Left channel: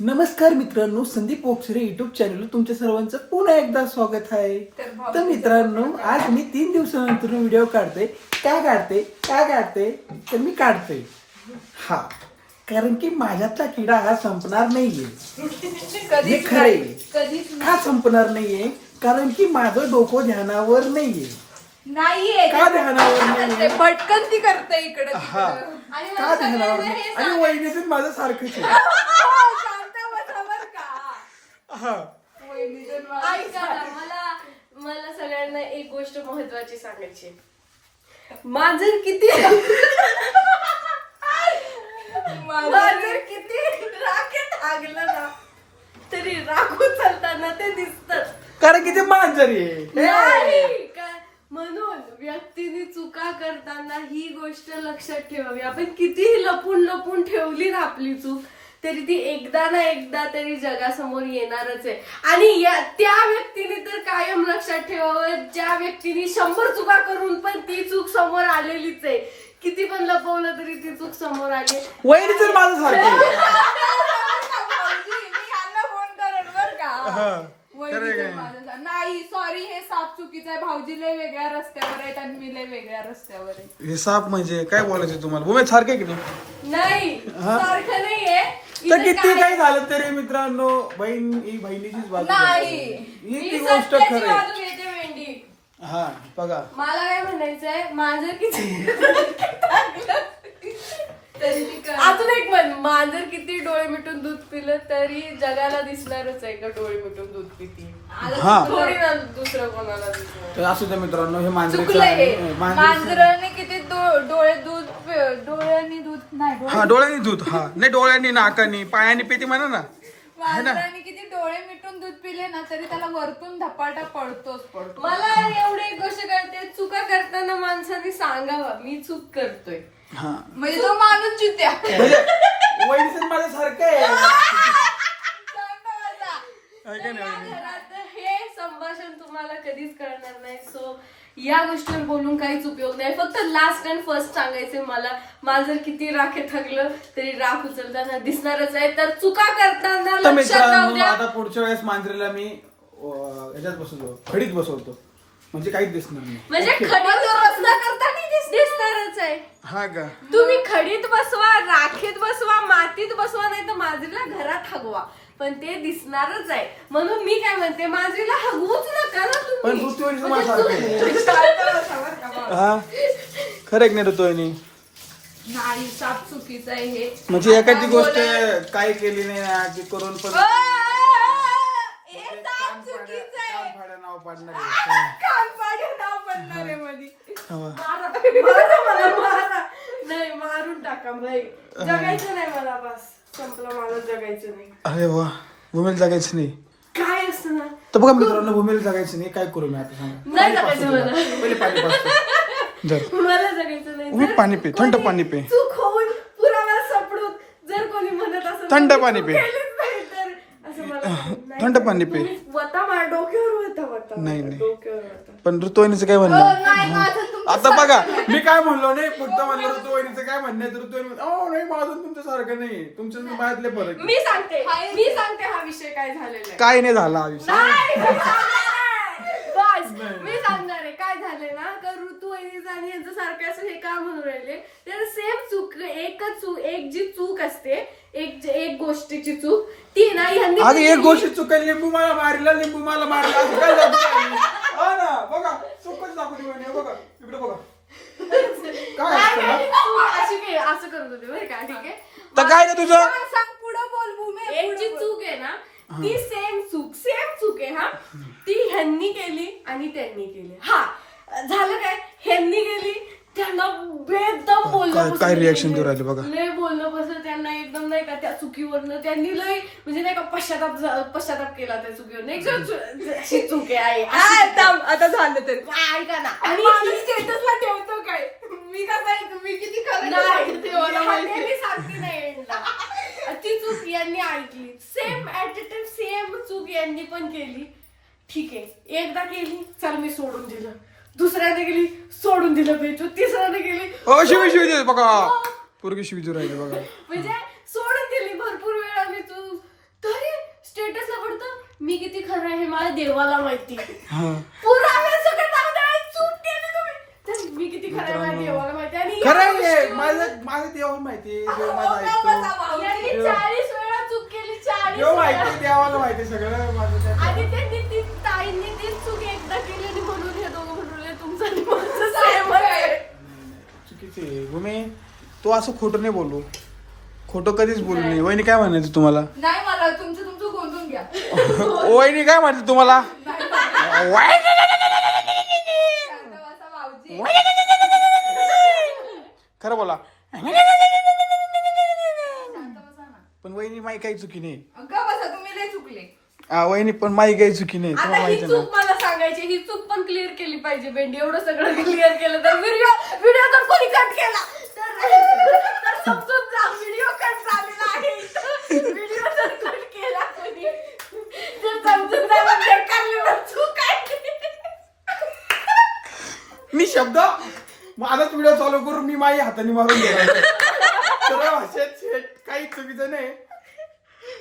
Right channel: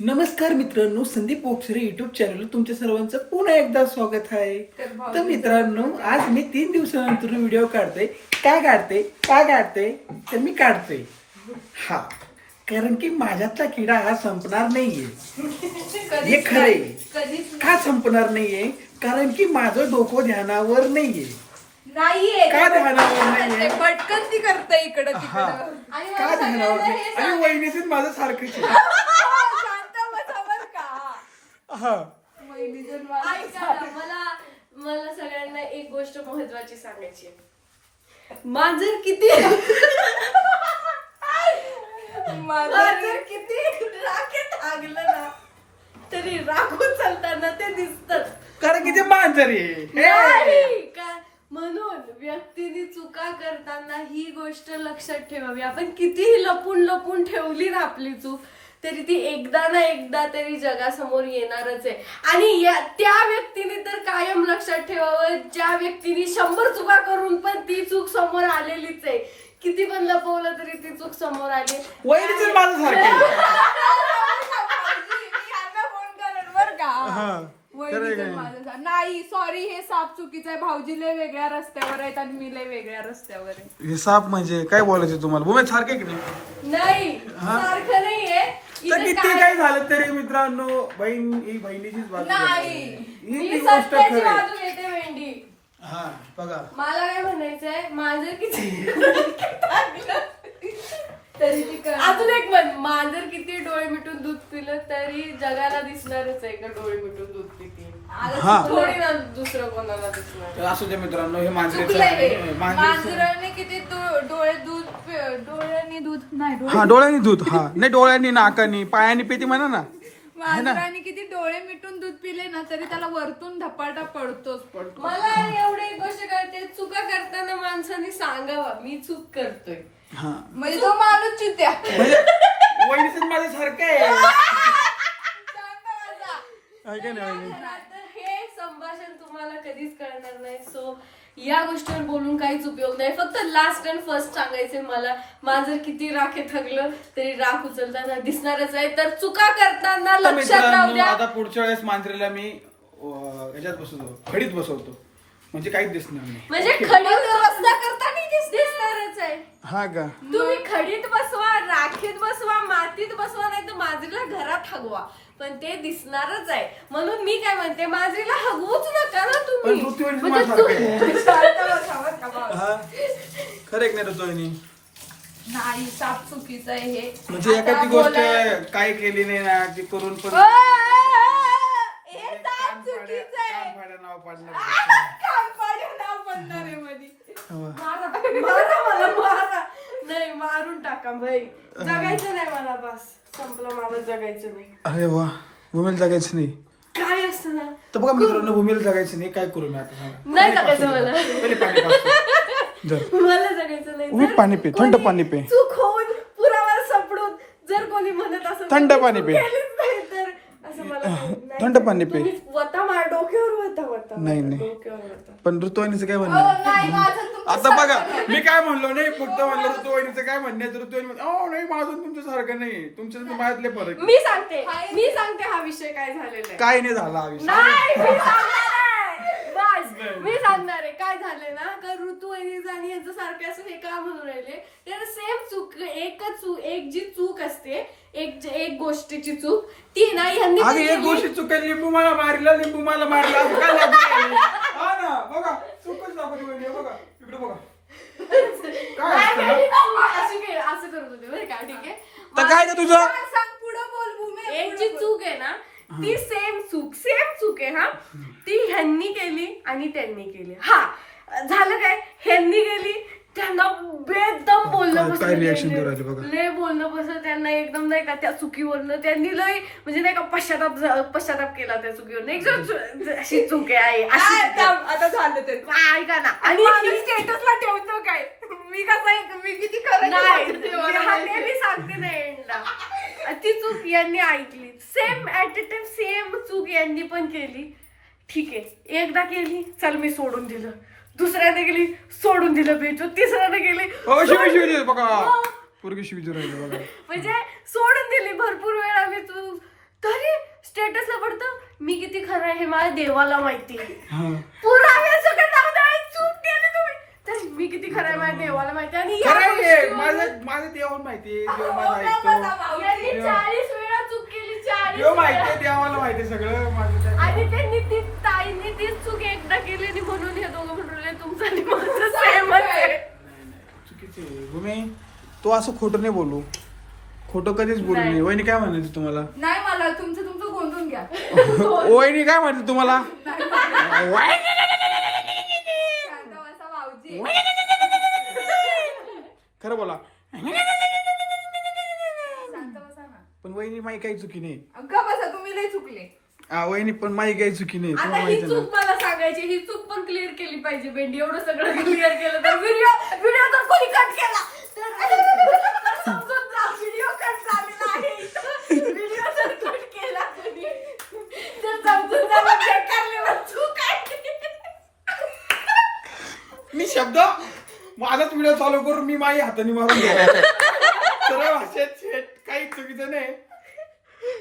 नमस्कार मित्रांनो Sandeep ओक्सरे YouTube channel तुमच्या सर्वांचं पुन्हा एकदा स्वागत आहे. तर मित्रांनो आज मी तीन दिवसानंतर व्हिडिओ काढते काय काढते काय काढते तर मी काढते हा. कारण की माझ्यातला किडा हा संपणार नाहीये. हे खरे का संपणार नाहीये? कारण की माझं डोकं ध्यानावर नाहीये. नाहीये. का ध्यानावर नाहीये? पटकन ती करते इकडे हा. का ध्यानावर नाही. आणि वहिनीचं माझं सारखंच आहे. हा. वहिनीचं ऐका ना, मला मला सगळ्यांना एक गोष्ट महत्वाची सांगायची आहे. माझं किती? माझं किती? राखेत लागलं ना तरी राखून चालताना ते दिसत कारण की ते मांजर आहे. हे. का? म्हणून व्यक्तीने चुका करताना ही गोष्ट लक्षात ठेवावी. आपण कितीही लपून लपून ठेवली ना आपली चूक तरी ती एकदा ना एकदा तरी जगासमोर येणारच आहे. आणि या त्या व्यक्तीने तर कायम लक्षात ठेवावं ज्या व्यक्तीने शंभर चुका करून पण ती चूक समोर आलेलीच आहे. किती पण लपवलं तरी ती चूक समोर आली. वहिनीचं माझं सारखं आहे. मी यांना फोन करेन बरं का हा खरं आहे वहिनीचं काय? माझं नाही सॉरी हे साप चुकीचं आहे. भाऊजी लय वेगळ्या रस्त्यावर आहेत आणि मी लय वेगळ्या रस्त्यावर आहे. हे साप म्हणजे काय बोलायचं तुम्हाला? भूमी सारखं नाही? नाही सारखं नाहीये. तर किती काय- काही झालं तरी मित्रांनो बहीण ही बहिणीचीच बाजू नाही. ही मी ती गोष्ट सत्याची खरं आहे. बाजू घेते वेंडी हा बघा. मला काय म्हणायचंय माझं किती अजून एक म्हण मांजर किती डोळे मिटून दूध पिलं तरी जगाला दिसणारच आहे का डोळे मिटून दूध पिते? हा. थोडी ना दुसरं कोणाला दिसणार? तर असू द्या मित्रांनो हे मांजरीचं चुकलंय. आहे. मांजरीचं मांजराने किती डो- डोळे दूध डोळ्यांनी दूध नाही हा डोळ्यांनी दूध हा. नाही डोळ्यांनी नाकानी पायानी पिती म्हणा ना. मांजराने किती डोळे मिटून दूध पिले ना तरी त्याला वरतून धपाटा पडतोच पडतो मला एवढी एक गोष्ट कळते चुका करताना माणसाने सांगावं मी चूक करतोय. हा. म्हणजे तो माणूस चित्या. म्हणजे वहिनीचं माझं सारखं आहे. नाही वहिनी हे संभाषण तुम्हाला कधीच कळणार नाही सो या गोष्टीवर बोलून काहीच उपयोग नाही. फक्त लास्ट अँड फर्स्ट सांगायचे मला. माझं किती राखे थकलं तरी राख उचलताना दिसणारच आहे. तर चुका करताना तर मित्रांनो. आता पुढच्या वेळेस मांजरीला मी अं, ह्याच्यात बसवतो. खडीत बसवतो. म्हणजे काहीच दिसणार नाही. म्हणजे खडीत करताना दिसणारच आहे. हा का? तुम्ही खडीत बसवा राखीत बसवा मातीत बसवा नाही तर माजरीला घरात हगवा. पण ते दिसणारच आहे. म्हणून मी काय म्हणते माजरीला हगवूच नका. ना पण तुम्ही ऋतुवाहिनीचं माझं सारखं आहे हा? खरं की नाही ऋतुवाहिनी नाही साप चुकीचं आहे हे. म्हणजे एखादी गोष्ट काय केली नाही ना ती करून पण म्हणजे नाव मारा नाही मारून टाका भाई जगायचं नाही मला बस. संपलं मला जगायचं नाही. अरे वा. भूमीला जगायचं नाही. काय असतं ना तर बघा मित्रांनो भूमीला जगायचं नाही काय करू मी आता सांगा नाही पाणी जगायचं पाजतो मला. तुला. पहिले पाणी पाजतो जर मला जगायचं नाही उभी जर पाणी पे, थंड कोणी पाणी पे. चूक होऊन पुरावा सापडून जर कोणी म्हणत असेल थंड पाणी पे. थंड पाणी पे. तुम्ही वता मा डोक्यावर वता वता नाही, नाही. डोक्यावर वता पण ऋतुवाहिनीचं काय म्हणणं आहे? तुमचं आता बघा. मी काय म्हणलो नाही फक्त म्हणलं ऋतुवाहिनीचं काय म्हणणं आहे तर ऋतुवाहिनी म्हणते, "अहो, नाही माझं तुमच्या सारखं नाही तुमच्या आणि माझ्यातले फरक आहे." मी सांगते मी सांगते हा विषय काय झालेला आहे काय नाही झाला हा नाही, मी सांगणार आहे. बस मी सांगणार आहे काय झालंय ना का ऋतू वहिनीचं आणि यांचं सारखं असं हे का म्हणून राहिले तर सेम चूक एकच चूक एक जी चूक असते एक जे- एक गोष्टीची चूक ती ना यांनी अरे एक गोष्ट चुकेल लिंबू मला मारला लिंबू मला मारला असं काय झालं? हा ना बघा चुकच दाखवतो म्हणे, बघा इकडे बघा काय असतं ना? अशी असं करत होते बरं का ठीक आहे तर काय का तुझं हा, सांग पुढं बोल भूमी एक जी चूक आहे ना ती सेम चूक सेम चूक आहे हा. ती ह्यांनी केली आणि त्यांनी केली. हा. झालं काय? ह्यांनी केली त्यांना बेदम बोलणं काय- काय बसलं reaction लय- देऊ राहिले बघा. लय बोलणं बसलं त्यांना एकदम नाही का त्या चुकीवरनं. त्यांनी लय म्हणजे नाही का पश्चाताप झा- पश्चाताप केला त्या चुकीवर एकदम चु- अशी चूक आहे आई, अशी चूक आहे. आता झालं तरी ऐका ना. आणि मी स्टेटसला ठेवतो काय? मी कसं मी किती खरं नाही, सांगते. ते नाही एंडला ती चूक यांनी ऐकली. Same at a time same चूक यांनी पण केली. ठीक आहे. एकदा केली चल मी सोडून दिलं. दुसऱ्याने गेली सोडून दिलं बेचू तिसऱ्याने गेली शिवी शिवी दे बघा. पोरगी शिवी राहिली बघा. म्हणजे सोडून दिली भरपूर वेळा मी तू. मी किती खरं आहे हे मला देवाला माहिती हा पुराव्यासकट लावणार चूक केली तुम्ही तर मी किती खरं आहे माझ्या देवाला माहिती आणि खरं आहे माझं देवाला माहिती आहे देव माझा ऐकतो. यांनी चाळीस वेळा चूक केली चाळीस देव माहिती वेळा. देवाला माहिती आहे सगळं माझं त्या- आणि त्यांनी ती ताईंनी ती चूक एकदा केली आणि म्हणून हे दोघं म्हणून राहिले, तुमचं आणि माझं same आहे. चुकीची आहे. भूमी तू असं खोटं नाही बोलू. खोटं कधीच बोलू नये. वहिनी काय म्हणायचं तुम्हाला? नाही मला तुमचं तुमचं गोंधून घ्या. वहिनी काय म्हणते तुम्हाला? वहिनी! शांत बसा भाऊजी. खरं बोला. पण वहिनी माई काही चुकी नाही. का बसा तुम्ही लय चुकले. वहिनी पण माई काही चुकी नाही तुम्हाला आता ही माहिती ना. चूक मला सांगायची ही चूक पण क्लिअर केली पाहिजे बेंडी एवढं सगळं क्लिअर केलं तर व्हिडिओ व्हिडिओ जर कोणी कट केला तर तर समजून जा व्हिडिओ कट झालेला आहे. व्हिडिओ जर कट केला कोणी तर समजून जा म्हणजे बेकार चूक आहे मी शब्द माझाच व्हिडिओ चालू करून मी माझी हाताने मारून सरळ भाषेत शेट काही चुकीचं नाही.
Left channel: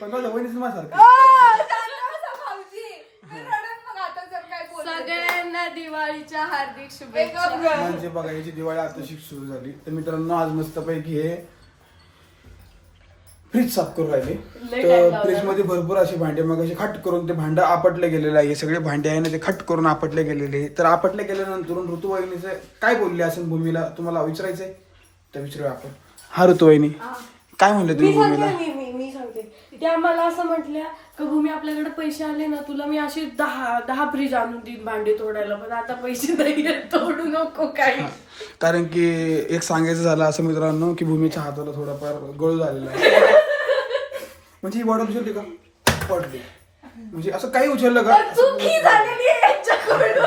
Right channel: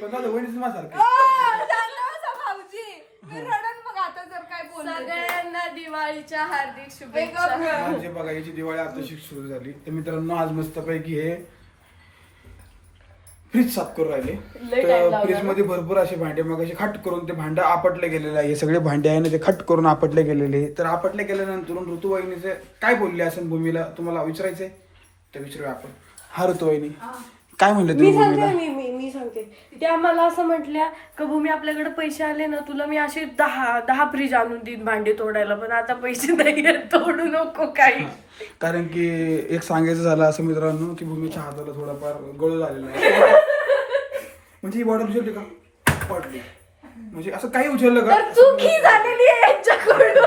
पण माझं वहिनीच माझ्यासारखं आ, शांत बसा भाऊजी. मी रडन मग आता जर काय बोलत सगळ्यांना दिवाळीच्या हार्दिक शुभेच्छा. म्हणजे बघा याची दिवाळी आता सुरू झाली. तर मित्रांनो आज मस्तपैकी हे फ्रीज साफ करून राहिले. तर फ्रीजमध्ये भरपूर असे भांडे मग असे खट करून ते भांडं आपटले गेलेले आहे. हे सगळे भांडे आहे ना ते खट करून आपटले गेलेले. तर आपटले गेल्यानंतर ऋतुवाहिनीचे काय बोलले असेल भूमीला? तुम्हाला विचारायचंय? तर विचारूया आपण. हा ऋतुवाहिनी. काय म्हणले तुम्ही भूमीला? त्या मला असं म्हटल्या का भूमी आपल्याकडे पैसे आले ना तुला मी असे दहा दहा फ्रीज आणून देईन भांडे तोडायला. पण आता पैसे नाही तोडू नको काही. कारण की एक सांगायचं झालं असं मित्रांनो की भूमीच्या हाताला थोडाफार गळू झालेला आहे. म्हणजे ही बॉटल उचलली का? पडली. म्हणजे असं काही उचललं का? तर चूक झालेली आहे यांच्याकडून?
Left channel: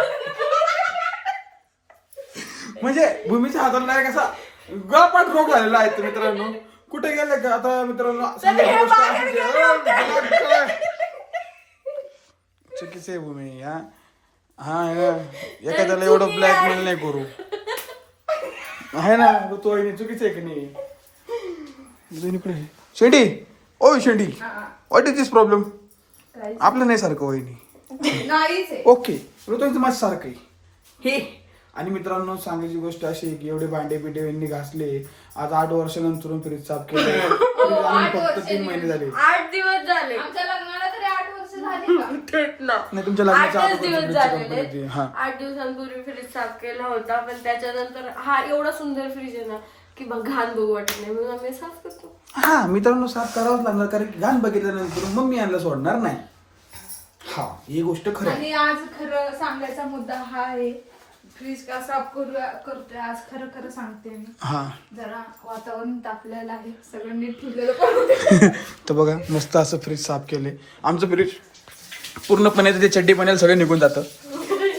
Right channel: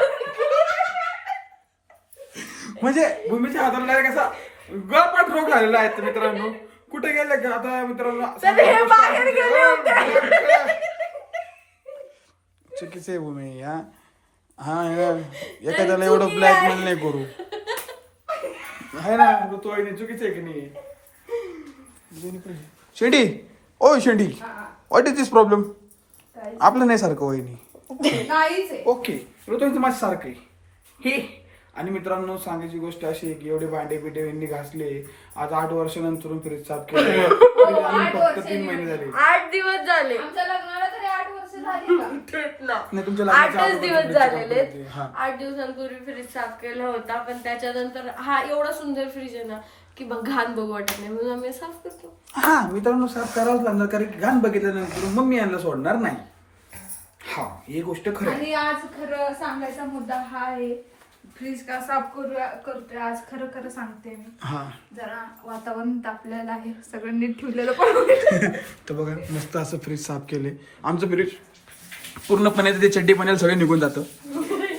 म्हणजे भूमीच्या हाताला डायरेक्ट असा गळपाट रोग झालेला आहे मित्रांनो. कुठे गेले का आता मित्रांनो? सांगायची गोष्ट अशीच आहे. अं, गळा- गळा. चुकीचं आहे भूमी हा. हा आहे ना एखाद्याला एवढं ब्लॅकमेल नाही करू. आहे ना तो आहे चुकीचं आहे की नाही? दोन्ही पण आहे. शेंडी! ओ शेंडी? व्हॉट इज दिस प्रॉब्लेम आपलं नाही सारखं वहिनी आहे. ओके ऋतूंचं माझं सारखं आहे. हे आणि मित्रांनो सांगायची गोष्ट अशी आहे की एवढे भांडे बिंडे यांनी घासले आज आठ वर्षानंतर फ्रीज साफ केले. फक्त तीन महिने झाले. आठ दिवस झाले. आमच्या लग्नाला तरी आठ वर्ष झाली का? तेच ना. नाही तुमच्या लग्नाच्या. आठ दिवसांपूर्वी फ्रीज साफ केला होता पण त्याच्यानंतर हा एवढा सुंदर फ्रीज आहे ना की बघ घाण बघू वाटत नाही म्हणून आम्ही साफ करतो. हा मित्रांनो साफ करावंच लागणार कारण घाण बघितल्यानंतर मम्मी यांना सोडणार नाही. हा ही गोष्ट खरं आहे. आणि आज खरं सांगायचा मुद्दा हा आहे प्लीज का साफ करू करतोय आज खरं खरं सांगते मी. हा. जरा वातावरण तापलेलं आहे सगळं नीट ठेवलेलं तर बघा मस्त असं फ्रीज साफ केले. आमचं फ्रीज पूर्णपणे ते चड्डी पाण्याला सगळं निघून जातं.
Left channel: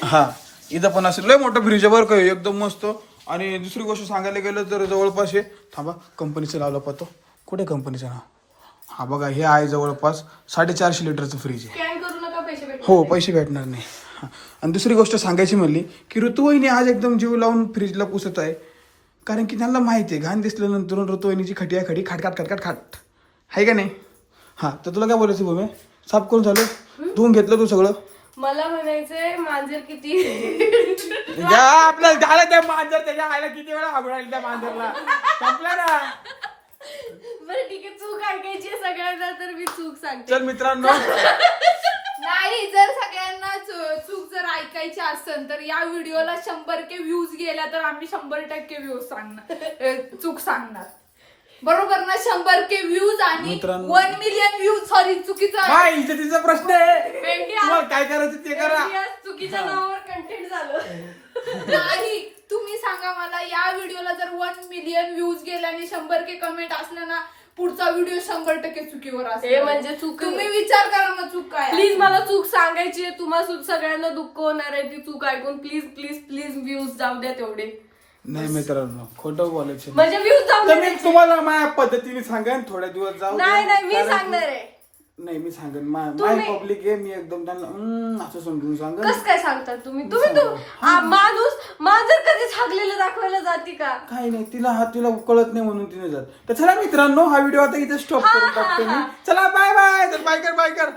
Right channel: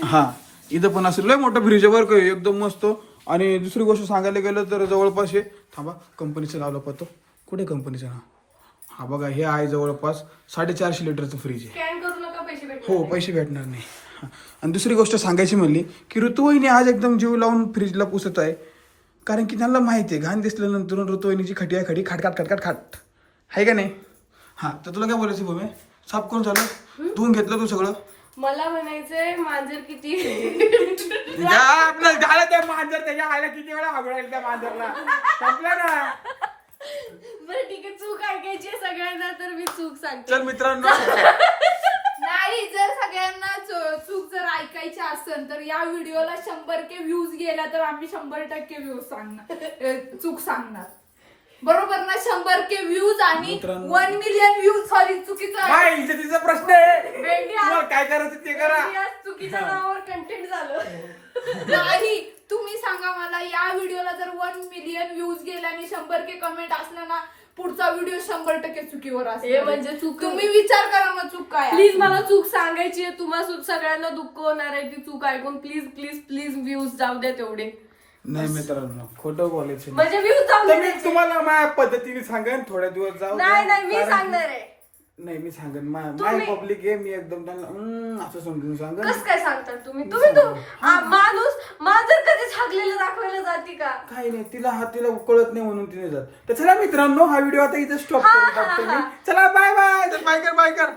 हा इथं पण असं लय मोठं फ्रीज आहे बरं का हे, एकदम मस्त. आणि दुसरी गोष्ट सांगायला गेलं तर जवळपास हे थांबा कंपनीचं लावलं पाहतो कुठे कंपनीचं नाव? हा बघा हे आहे जवळपास साडेचारशे लिटरचं फ्रीज आहे. हो पैसे भेटणार नाही. हा. आणि दुसरी गोष्ट सांगायची म्हणली की ऋतुवाहिनी आज एकदम जीव लावून फ्रीजला पुसत आहे. कारण की त्यांना माहिती आहे घाण दिसल्यानंतर ऋतुवाहिनीची खटी आहे खडी खाटखाट खाटखाट खाट आहे का नाही? हा तर तुला काय बोलायचं भूमी? साफ करून झालं? धुवून घेतलं तू सगळं? मला म्हणायचंय मांजर किती? आपलं झालं ते मांजर त्याच्या आईला किती वेळा हागुळायला त्या मांजरला. संपलं ना? बरं ठीक आहे चूक ऐकायची आहे सगळ्यांना तर मी चूक सांगते. चल मित्रांनो. नाही जर सगळ्यांना चु- चूक जर ऐकायची असेल तर या व्हिडिओला शंभर के व्ह्यूज गेला तर आम्ही शंभर टक्के व्ह्यूज सांगणार अ, चूक सांगणार. बरोबर ना? शंभर के व्ह्यूज आणि मित्रांनो- वन मिलियन व्ह्यूज सॉरी चुकीचं आहे. काय इथं तिचा प्रश्न आहे. भेंडी आज- तुम्हाला काय करायचं ते करा. चुकीच्या नावावर कंटेंट झालं. नाही तुम्ही सांगा मला या व्हिडिओला जर वन मिलियन व्ह्यूज गेले आणि शंभर के कमेंट असले ना पुढचा व्हिडिओ शंभर टक्के चुकीवर हे असेल म्हणजे चूक- तुम्ही विचार करा ना चूक काय आहे. प्लीज मला चूक सांगायची आहे. तुम्हाला सु- सगळ्यांना दुःख होणार आहे. ती चूक ऐकून प्लीज प्लीज प्लीज व्ह्यूज जाऊ द्या तेवढे. नाही मित्रांनो खोटं बोलायचं नाही. म्हणजे व्ह्यूज जाऊ तर मी तुम्हाला माझ्या पद्धतीने सांगेन थोड्या दिवस जाऊ. नाही नाही मी सांगणार आहे. नाही मी सांगेन. माय तुम्ही- पब्लिक आहे मी एकदम त्यांना "हम्म" असं समजून सांगेन. कस काय सांगताय तुम्ही? तुम्ही तो आ, माणूस मांजर कधी दाखवायला जाते का? काही नाही तिला हा तिला कळत नाही म्हणून तिने जात. तर चला मित्रांनो हा व्हिडिओ आता इथे स्टॉप करून टाकतो मी. चला बाय बाय बाय कर बाय कर.